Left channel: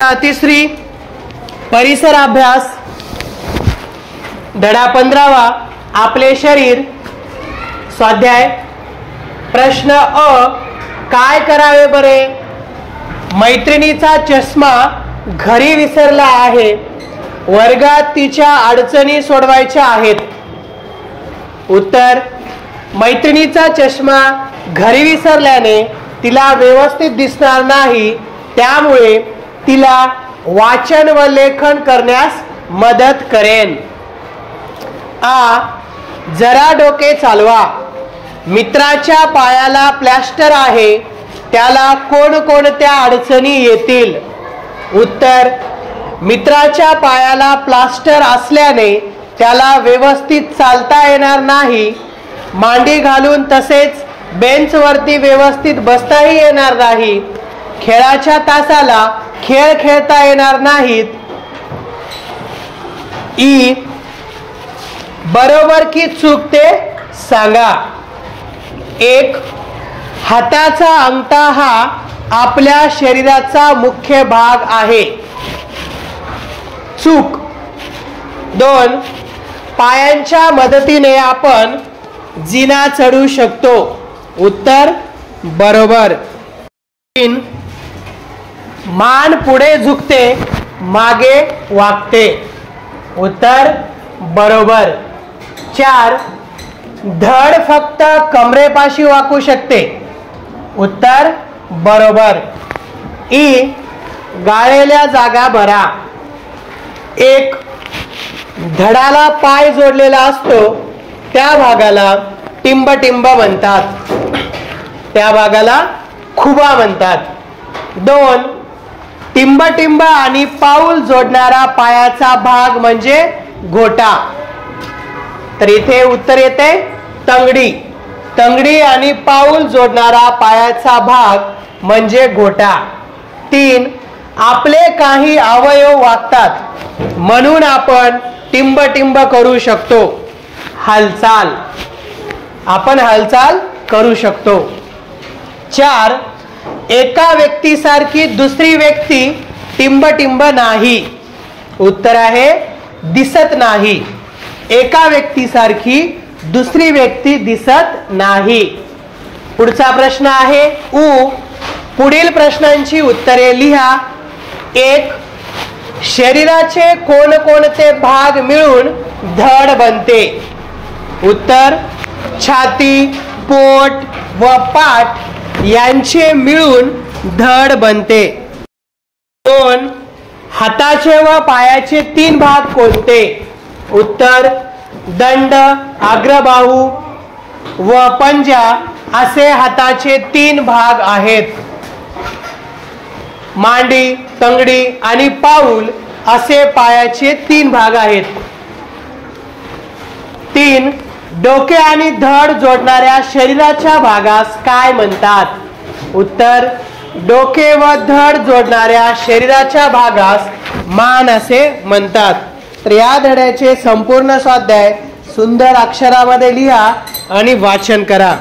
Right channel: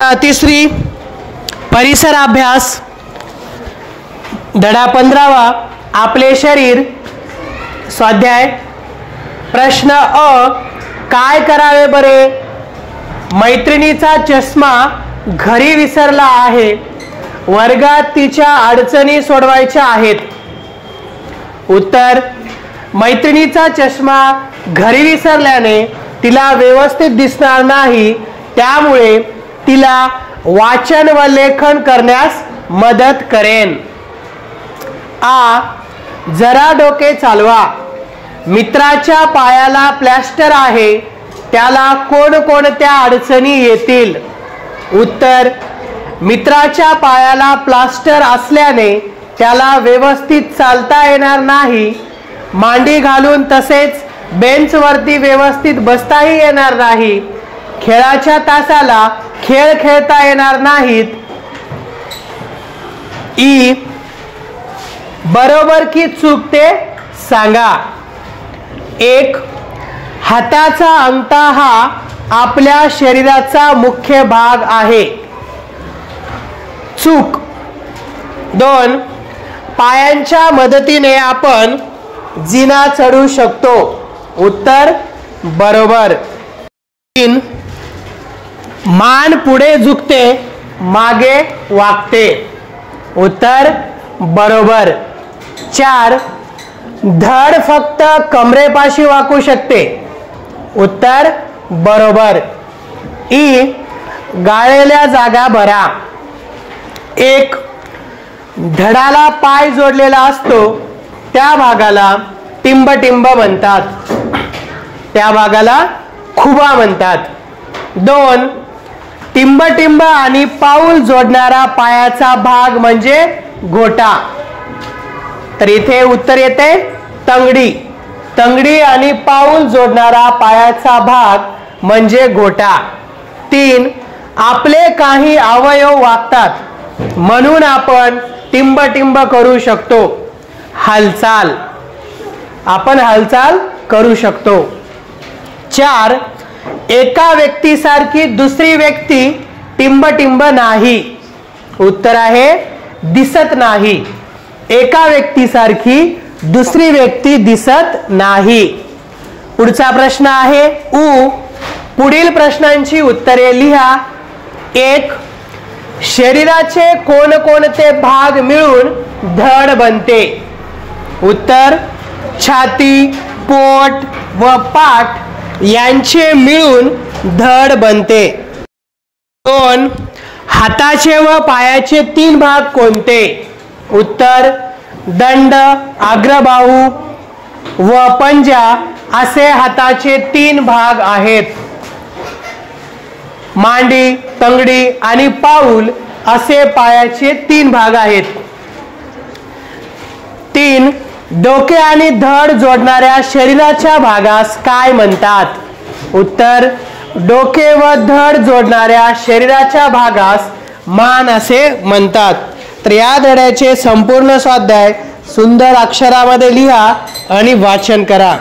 तिसरी परिसर अभ्यास धडा 15वा आपले शरीर स्वाध्याय प्रश्न अ काय करावे बरे मैत्रिणीचा चष्मा घरी विसरला आहे वर्गात तिच्या अडचणी सोडवायच्या आहेत उत्तर मैत्रिणीचा चष्मा घरी विसरल्याने तिला व्यवस्थित दिसणार नाही त्यामुळे तिला वाचन व लेखन करण्यास मदत करेन। आ जरा डोके चालवा मित्राच्या पायाला प्लास्टर आहे त्याला कोणकोणत्या अडचणी येतील उत्तर मित्राच्या पायाला प्लास्टर असल्याने त्याला व्यवस्थित चालता येणार नाही मांडी घालून तसेच बेंचवरती व्यवस्थित बसताही येणार नाही खेळाच्या तासाला खेळ खेळता येणार नाहीत। ई बरोबर की चूक ते सांगा। एक हाताचा अंगठा हा आपल्या शरीराचा मुख्य भाग आहे चूक। दोन पायांच्या मदतीने आपण जिना चढू शकतो उत्तर बरोबर। तीन मान पुढे झुकते मागे वाकते उत्तर बरोबर। चार धड फक्त कमरेपाशी वाकू शकते उत्तर बरोबर। ई गाळलेल्या जागा भरा। एक धडाला पाय जोडलेला असतो त्या भागाला टिंब म्हणतात त्या भागाला खुबा म्हणतात। दोन टिंब आणि पाऊल जोडणारा पायाचा भाग म्हणजे घोटा तर इथे उत्तर येते तंगडी आणि पाऊल जोडणारा पायाचा भाग म्हणजे घोटा। तीन आपले काही अवयव वागतात म्हणून आपण टिंब करू शकतो हालचाल आपण हालचाल करू शकतो। चार एका व्यक्तीसारखी दुसरी व्यक्ती टिंब नाही उत्तर आहे दिसत नाही एका व्यक्तीसारखी दुसरी व्यक्ती दिसत नाही। पुढचा प्रश्न आहे उ पुढील प्रश्नांची उत्तरे लिहा। एक शरीराचे कोणकोणते भाग मिळून धड बनते उत्तर छाती पोट व पाठ यांचे मिळून धड बनते। दोन हाताचे व पायाचे तीन भाग कोणते उत्तर दंड अग्रबाहू व पंजा असे हाताचे तीन भाग आहेत। मांडी तंगडी आणि पाऊल असे पायाचे तीन भाग आहेत। तीन डोके आणि धड जोडणाऱ्या शरीराच्या भागास काय म्हणतात उत्तर डोके व धड जोडणाऱ्या शरीराच्या भागास मान असे म्हणतात। तर या धड्याचे संपूर्ण स्वाध्याय सुंदर अक्षरामध्ये लिहा आणि वाचन करा।